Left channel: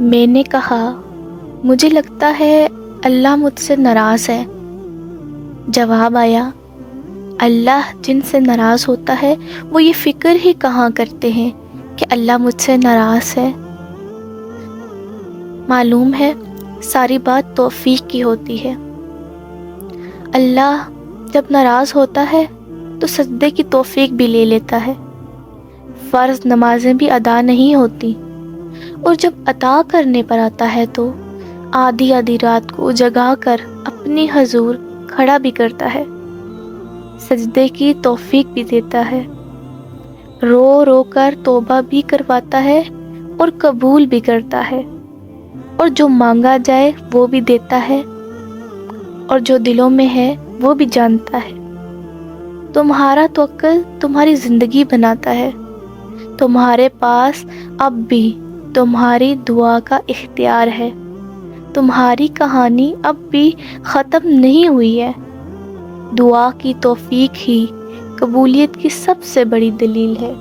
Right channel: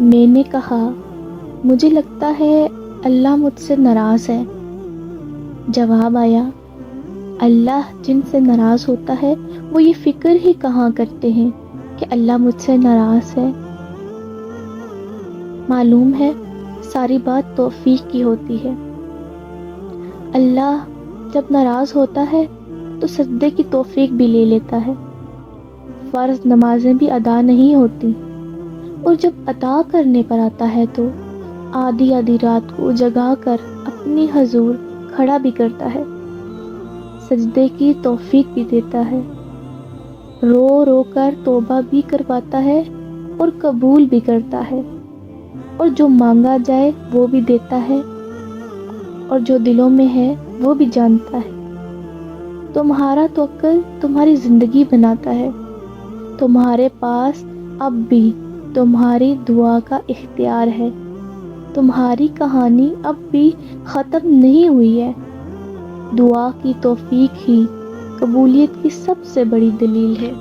میں نے کہا مجھے لگتا ہے اللہ مجھ سے ناراض ہے۔ جواب آیا اللہ جن سے ناراض ہوتا ہے وہ یہ فکر ہی کہاں کرتے ہیں کہ اللہ مجھ سے ناراض ہے۔ معلوم ہے ساری بات توفیق کی ہوتی ہے۔ اللہ جب ناراض ہوتا ہے تو سجدے کی توفیق بھی لے لیتا ہے، فرض نمازیں بھی ادا نہیں ہوتی، اور جب عطا کرنے پر آتا ہے تو آدھی آدھی رات کو جگا کر اپنے حضور کھڑا بھی کرتا ہے، سجدے کی توفیق بھی دیتا ہے، رو رو کر توبہ بھی کرواتا ہے اور قبول بھی کرتا ہے، اور جو مانگا جائے وہ بھی دیتا ہے، اور جو دلوں میں ہے وہ بھی جانتا ہے۔ تمہارا توکل تمہاری زندگی بناتا ہے، تمہارے پاس اب بھی تمہاری دعا کا اختیار ہے، تمہاری کہانی اب بھی ختم نہیں ہوئی ہے۔ دعا کی توفیق ہی قبولیت کی سب سے بڑی دلیل ہے۔